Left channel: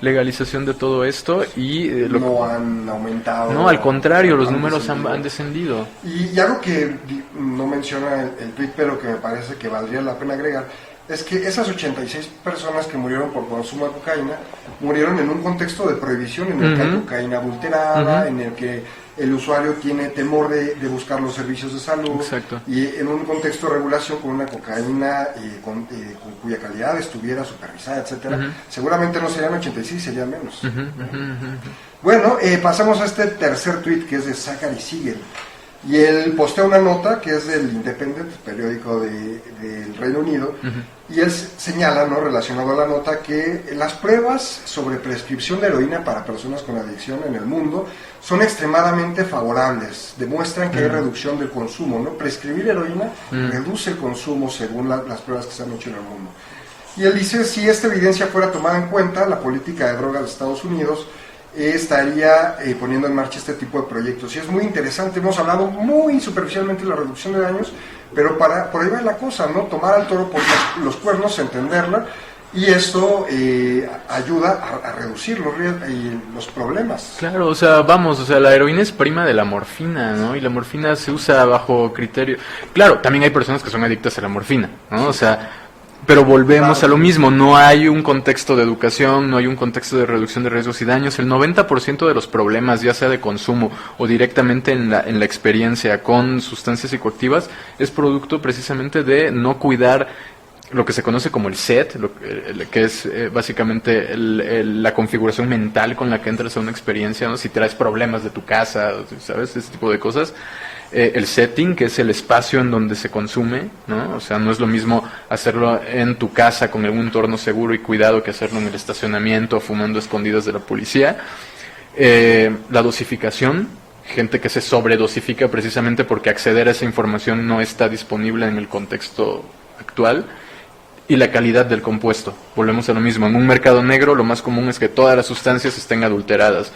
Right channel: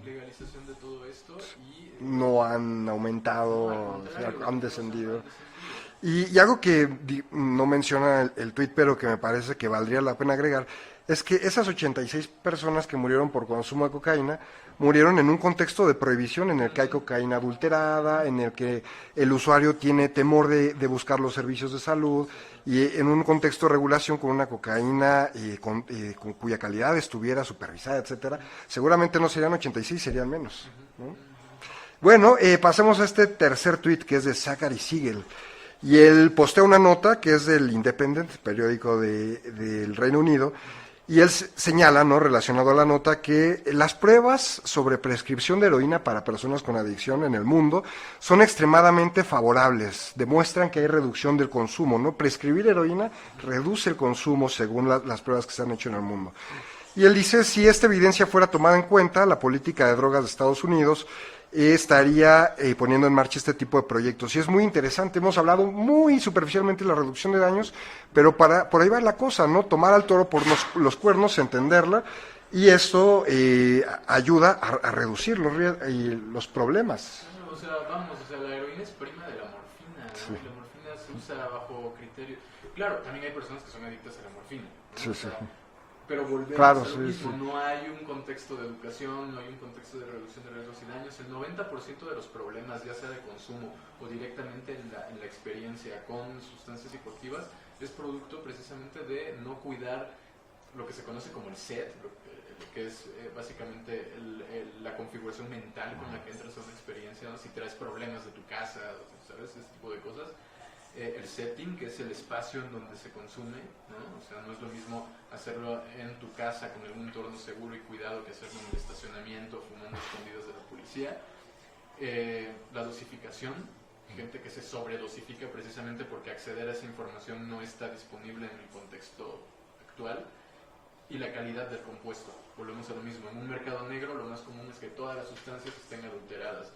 legalización de todo esto y no han aumentado. no, al contrario, los números han descendido. Y algo que no menciona el tuit, pero que me parece que valdría la pena agregar, es que esas 86 personas que murieron por consumo de cocaína murieron en un contexto de prohibición en el que hay cocaína adulterada, en el que el usuario tiene temor de buscar los servicios de salud. Exacto. Y en un contexto de regulación con una cocaína con cuya calidad estuviera supervisada, etcétera, seguramente no serían 86, serían menos. Bueno, pasemos a este tercer tuit, que es de Zachary Siegel. Y él postea una nota que es del Independent, periódico del Reino Unido, y él señala, ¿no?, relacionado a la nota, que las pruebas sobre prescripción de heroína para personas con adicción en el mundo son extremadamente favorables, demuestran que hay reducción del consumo, ¿no? Prescribir heroína reduce el consumo según las pruebas que se han hecho en el mundo. Y él dice, si esta evidencia fuera tomada en cuenta, la política de drogas de Estados Unidos estaría poniendo en marcha este tipo de proyectos. Y es muy interesante, hemos hablado muy superficialmente de la reducción de daños, pero por ahí va la cosa, ¿no? Tomar al toro por los cuernos, entenderla, y esto ayuda a reducir los problemas. Claro, o sea, la heroína es prima de la morfina, ¿no? Y la morfina se usa bajo criterio. Claro, también hay personas que son adictas a la morfina, ¿no? O sea, pero volvemos a lo mismo, no hay un contexto de educación, no hay un contexto de reducción de riesgos y daños. El 90% de los problemas, ya sea de consumo o directamente en la experiencia con sustancias psicoactivas, es producto precisamente de no cuidar lo que se conoce como el set, que es básicamente la configuración mental con la que entras a una experiencia, ¿no? Si traes problemas de tu casa, ¿sabes? Ese tipo de cosas. El setting, que es el espacio en donde se consume, ¿no? O sea, no es lo mismo hacerlo en tu casa con algún entorno seguro y cuidado que hacerlo en el estacionamiento, fumando escondidas de la policía. La dosificación, gente que se sobredosifica precisamente porque acceder a esa información no está disponible en el contexto actual. Y la calidad del compuesto, volvemos a lo mismo. En un mercado negro lo más común es que todas las sustancias estén adulteradas.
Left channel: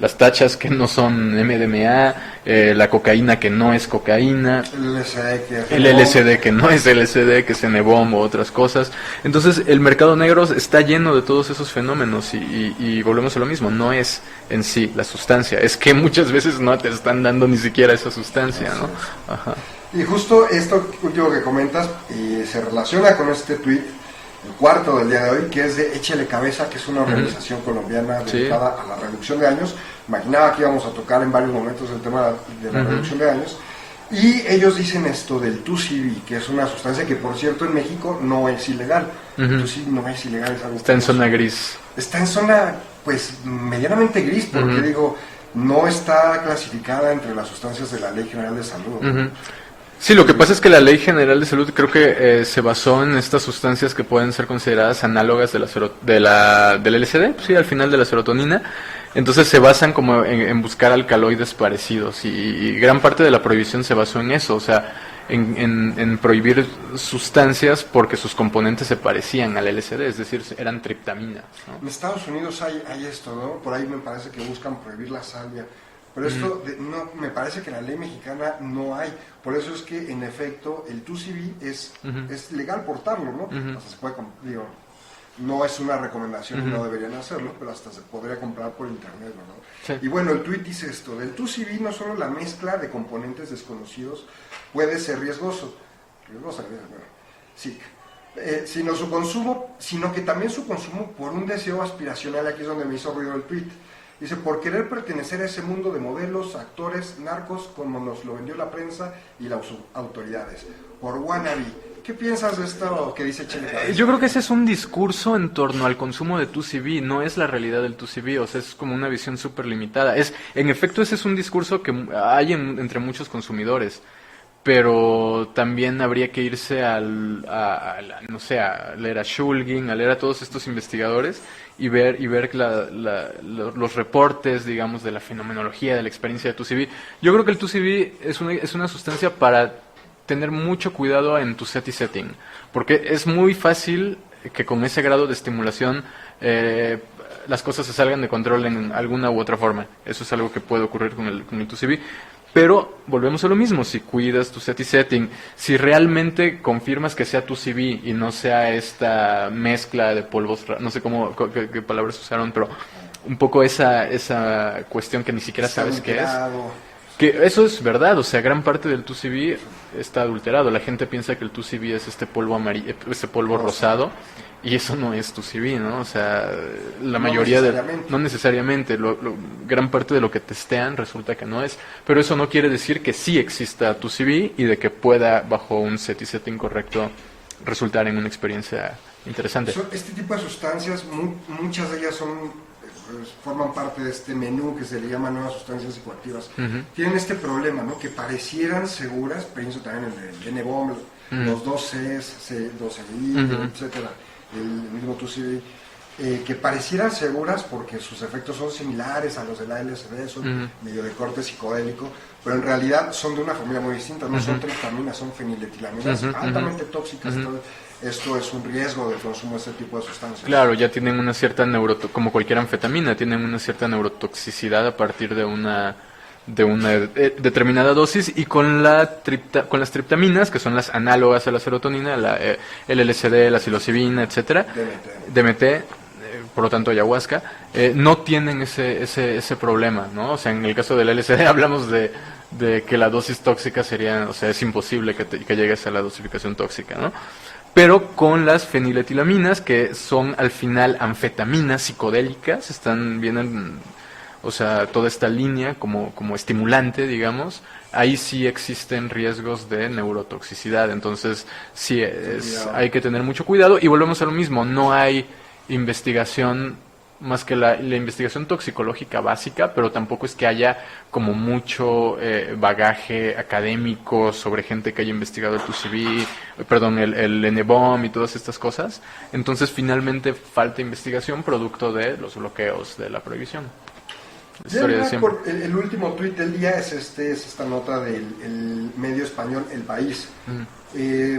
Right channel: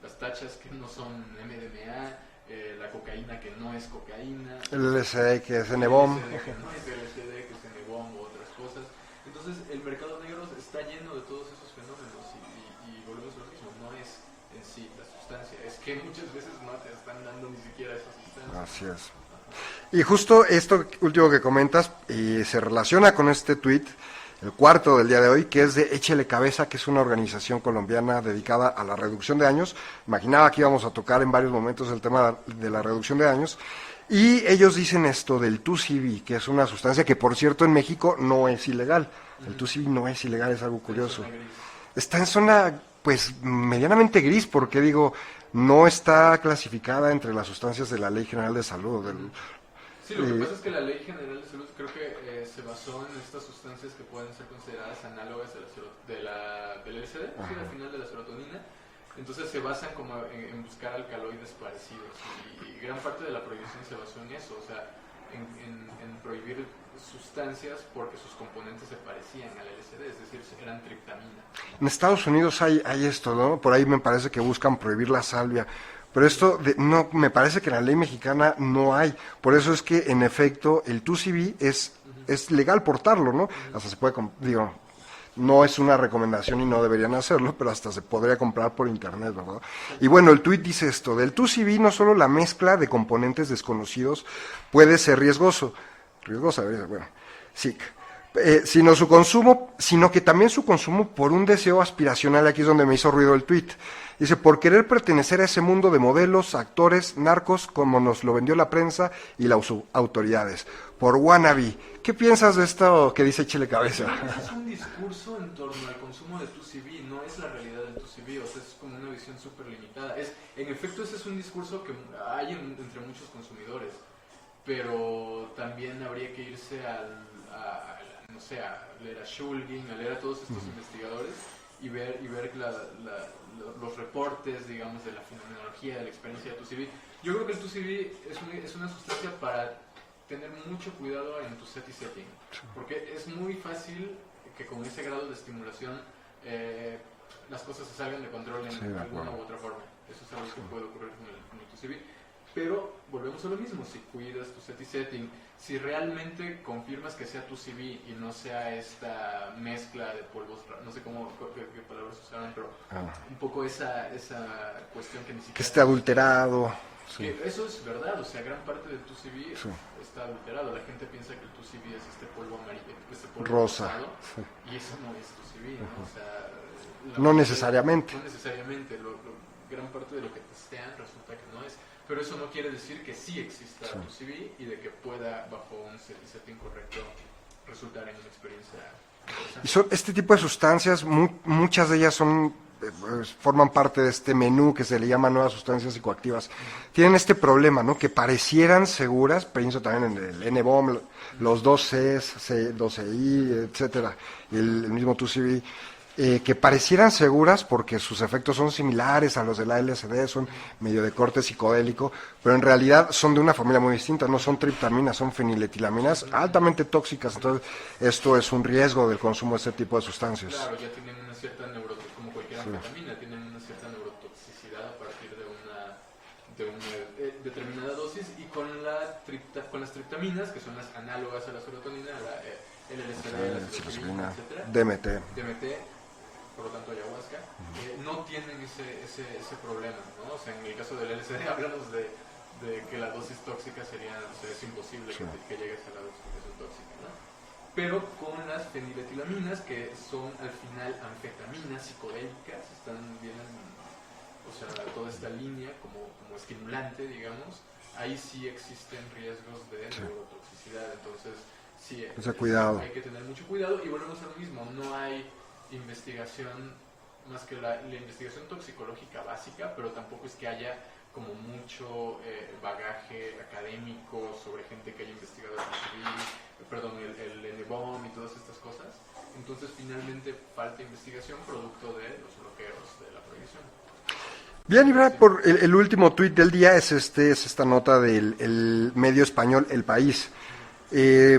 Las tachas que no son MDMA, la cocaína que no es cocaína, el LSD que no es LSD, que es N-bomb o otras cosas. Entonces el mercado negro está lleno de todos esos fenómenos y volvemos a lo mismo, no es en sí la sustancia, es que muchas veces no te están dando ni siquiera esa sustancia, ¿no? Ajá. Y justo esto último que comentas se relaciona con este tuit, el cuarto del día de hoy, que es de Échele Cabeza, que es una organización colombiana dedicada a la reducción de daños. Imaginaba que íbamos a tocar en varios momentos el tema de la reducción de daños. Y ellos dicen esto del 2CB, que es una sustancia que, por cierto, en México no es ilegal. El 2CB no es ilegal, es algo está en zona gris. Está en zona, pues, medianamente gris, porque digo, no está clasificada entre las sustancias de la Ley General de Salud. Sí, lo que pasa es que la Ley General de Salud creo que se basó en estas sustancias que pueden ser consideradas análogas del LSD, sí, al final de la serotonina. Entonces se basan como en buscar alcaloides parecidos y gran parte de la prohibición se basó en eso, o sea, en prohibir sustancias porque sus componentes se parecían al LSD, es decir, eran triptamina, ¿no? En Estados Unidos hay esto, ¿no? Por ahí me parece que buscan prohibir la salvia. Pero esto, no, me parece que en la ley mexicana no hay. Por eso es que, en efecto, el 2CB es legal portarlo, ¿no? Hasta se puede, digo, no es una recomendación y no deberían hacerlo, pero hasta se podría comprar por internet, ¿verdad? Sí. Y bueno, el tuit dice esto, del 2CB no solo la mezcla de componentes desconocidos puede ser riesgosa, bueno, sí, sino su consumo, sino que también su consumo por un deseo aspiracional, aquí es donde me hizo ruido el tuit. Dice, por querer pertenecer a ese mundo de modelos, actores, narcos, como nos lo vendió la prensa y las autoridades. Por wannabe. ¿Qué piensas de esto que dice Échele Cabeza? Yo creo que ese es un discurso en torno al consumo de 2CB, no es la realidad del 2CB, o sea, es como una visión súper limitada. En efecto, ese es un discurso que hay entre muchos consumidores, pero también habría que irse no sé, a leer a Shulgin, a leer a todos estos investigadores y ver los reportes, digamos, de la fenomenología, de la experiencia de 2CB. Yo creo que el 2CB es una sustancia para tener mucho cuidado en tu set y setting, porque es muy fácil que con ese grado de estimulación las cosas se salgan de control en alguna u otra forma. Eso es algo que puede ocurrir con el 2CB. Pero volvemos a lo mismo, si cuidas tu set y setting, si realmente confirmas que sea tu CV y no sea esta mezcla de polvos, no sé qué palabras usaron, pero un poco esa cuestión que ni siquiera Está sabes qué es. adulterado. Que eso es verdad, o sea, gran parte del 2CV está adulterado. La gente piensa que el 2CV es este polvo amarillo, este polvo rosado, y eso no es 2CV, ¿no? O sea, la mayoría no necesariamente, gran parte de lo que testean resulta que no es, pero eso no quiere decir que sí exista 2CV y de que pueda, bajo un set y setting correcto, resultar en una experiencia interesante. Este tipo de sustancias, muchas de ellas forman parte de este menú que se le llama nuevas sustancias psicoactivas. Tienen este problema, ¿no? Que parecieran seguras, pienso también en el N-bomb, los 2Cs, 12I, etcétera, y el mismo 2CB, que parecieran seguras porque sus efectos son similares a los de la LSD, son medio de corte psicodélico, pero en realidad son de una familia muy distinta, no son triptaminas, son feniletilaminas altamente tóxicas. Entonces, esto es un riesgo del consumo de este tipo de sustancias. Claro, ya tienen una cierta como cualquier anfetamina, tienen una cierta neurotoxicidad a partir de una determinada dosis, y con las triptaminas, que son las análogas a la serotonina, el LSD, la psilocibina, etcétera, DMT, por lo tanto ayahuasca, no tienen ese problema, ¿no? O sea, en el caso del LSD hablamos de que la dosis tóxica sería, o sea, es imposible que llegues a la dosificación tóxica, ¿no? Pero con las feniletilaminas, que son al final anfetaminas psicodélicas, vienen, o sea, toda esta línea como estimulante, digamos, ahí sí existen riesgos de neurotoxicidad. Entonces, sí, hay que tener mucho cuidado, y volvemos a lo mismo, no hay investigación más que la investigación toxicológica básica, pero tampoco es que haya como mucho bagaje académico sobre gente que haya investigado el 2CB, el N-bomb y todas estas cosas. Entonces, finalmente falta investigación producto de los bloqueos de la prohibición. Bien, el último tuit del día es esta nota del medio español El País.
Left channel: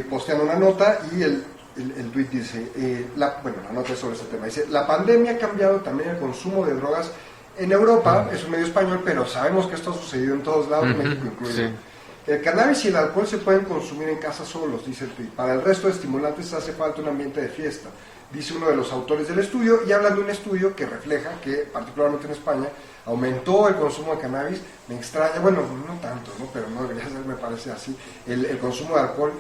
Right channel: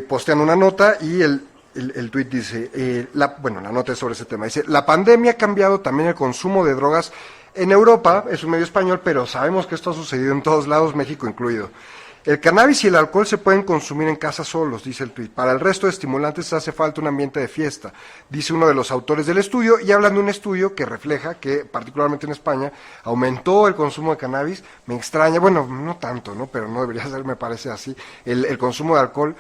Postean una nota y el tuit dice, la nota es sobre ese tema, dice: la pandemia ha cambiado también el consumo de drogas en Europa, es un medio español, pero sabemos que esto ha sucedido en todos lados, México incluido. Sí. El cannabis y el alcohol se pueden consumir en casa solos, dice el tuit. Para el resto de estimulantes hace falta un ambiente de fiesta, dice uno de los autores del estudio, y hablan de un estudio que refleja que, particularmente en España, aumentó el consumo de cannabis. Me extraña, bueno, no tanto, ¿no? Pero no debería ser, me parece así, el consumo de alcohol,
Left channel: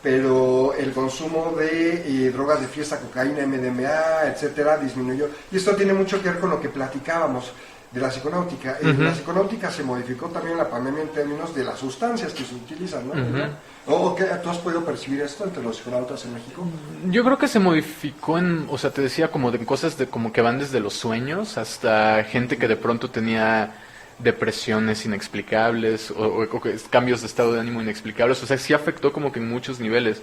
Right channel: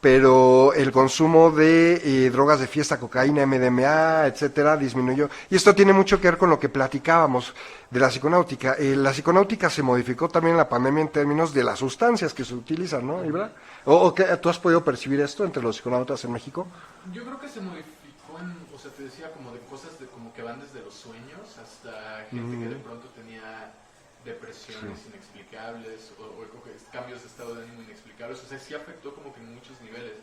pero el consumo de drogas de fiesta, cocaína, MDMA, etcétera, disminuyó. Y esto tiene mucho que ver con lo que platicábamos de la psiconáutica. La psiconáutica se modificó también en la pandemia en términos de las sustancias que se utilizan, ¿no? ¿Tú has podido percibir esto entre los psiconautas en México? Yo creo que se modificó o sea, te decía, como de cosas como que van desde los sueños hasta gente que de pronto tenía depresiones inexplicables o cambios de estado de ánimo inexplicables. O sea, sí afectó como que en muchos niveles.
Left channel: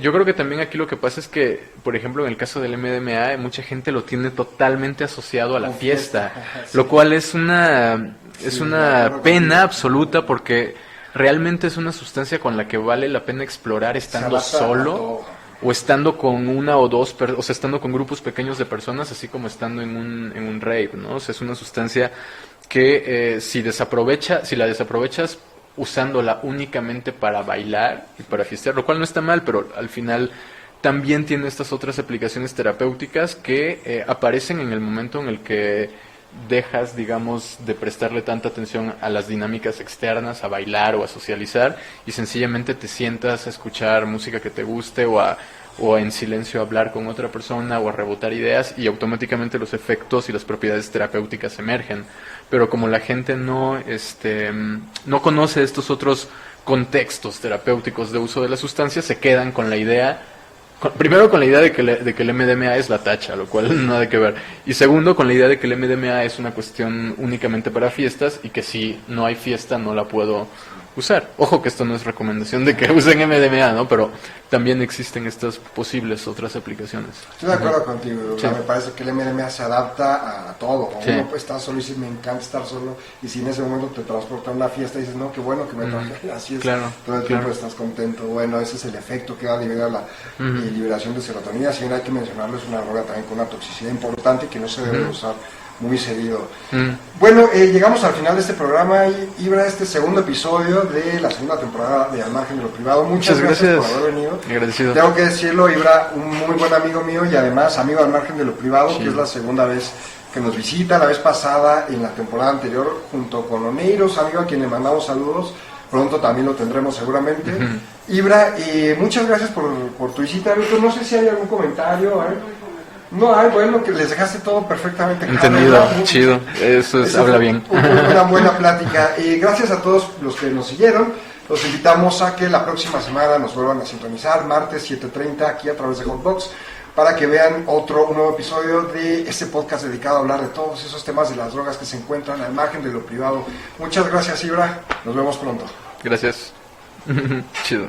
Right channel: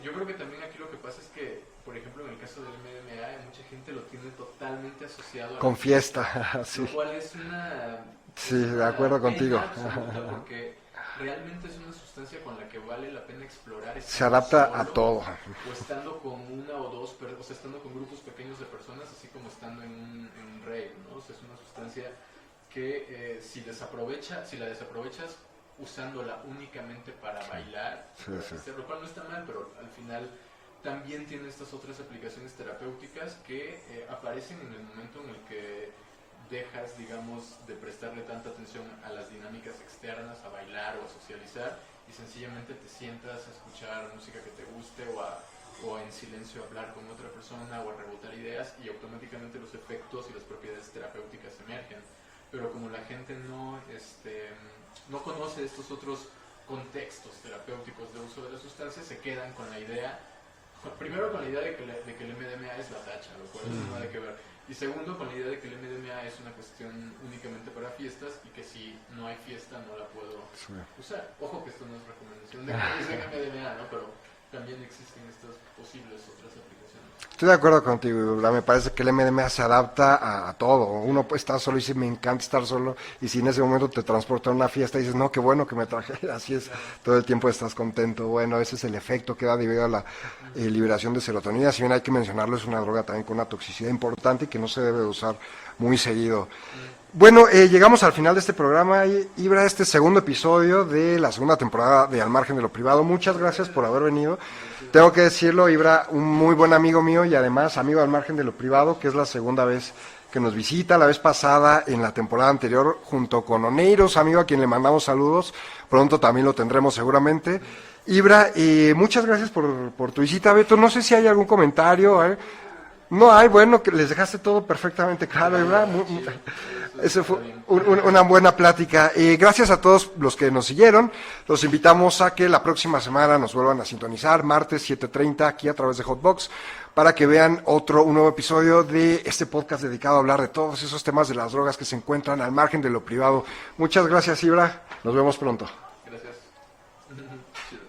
Yo creo que también aquí lo que pasa es que, por ejemplo, en el caso del MDMA, mucha gente lo tiene totalmente asociado a la fiesta, sí. Lo cual es una pena absoluta, porque realmente es una sustancia con la que vale la pena explorar estando solo, o estando con una o dos, o sea, estando con grupos pequeños de personas, así como estando en un rave, ¿no? O sea, es una sustancia que si la desaprovechas usándola únicamente para bailar y para fiestear, lo cual no está mal, pero al final también tiene estas otras aplicaciones terapéuticas que aparecen en el momento en el que dejas, digamos, de prestarle tanta atención a las dinámicas externas, a bailar o a socializar, y sencillamente te sientas a escuchar música que te guste o en silencio hablar con otra persona o a rebotar ideas, y automáticamente los efectos y las propiedades terapéuticas emergen. Pero como la gente no conoce estos otros contextos terapéuticos de uso de la sustancia, se quedan con la idea, primero con la idea de que el MDMA es la tacha, lo cual nada que ver, y segundo con la idea de que el MDMA es una cuestión únicamente para fiestas y que si no hay fiesta no la puedo usar. Ojo que esto no es recomendación de que usen MDMA, ¿no? Pero también existen estas posibles otras aplicaciones. Estoy de acuerdo contigo. Sí. Me parece que el MDMA se adapta a todo. Sí. Uno está solo y dice, me encanta estar solo, y si en ese momento te transporta a una fiesta y dices, no, qué bueno que me traje, así es, claro, todo el tiempo estás contento. Bueno, ese es el efecto que da debido a la liberación de serotonina. Si bien hay que mencionarlo, es una droga también con una toxicidad importante y que no se debe usar muy seguido. Bueno, llegamos al final de este programa, Ibra, este segundo episodio de la segunda temporada de Al Margen de lo Privado. Muchas gracias por haber venido. Agradecido. Tengo que decirlo, Ibra, un muy buen amigo mío y además amigo Al Margen de lo Privado, que es la segunda vez que nos visita. La vez pasada, en la temporada anterior, junto con Oneiros, amigo a quien le mandamos saludos. Pronto también lo tendremos seguramente. Ibra, muchas gracias por tu visita. Beto, no sé si hay algún comentario, No hay, bueno, que les dejaste todo perfectamente claro. Entendido, chido, eso habla bien. Una buena plática. Gracias a todos los que nos siguieron. Los invitamos a que la próxima semana nos vuelvan a sintonizar, martes 7:30, aquí a través de Hotbox, para que vean un nuevo episodio de este podcast dedicado a hablar de todos esos temas de las drogas que se encuentran al margen de lo privado. Muchas gracias, Ibra. Nos vemos pronto. Gracias. Chido.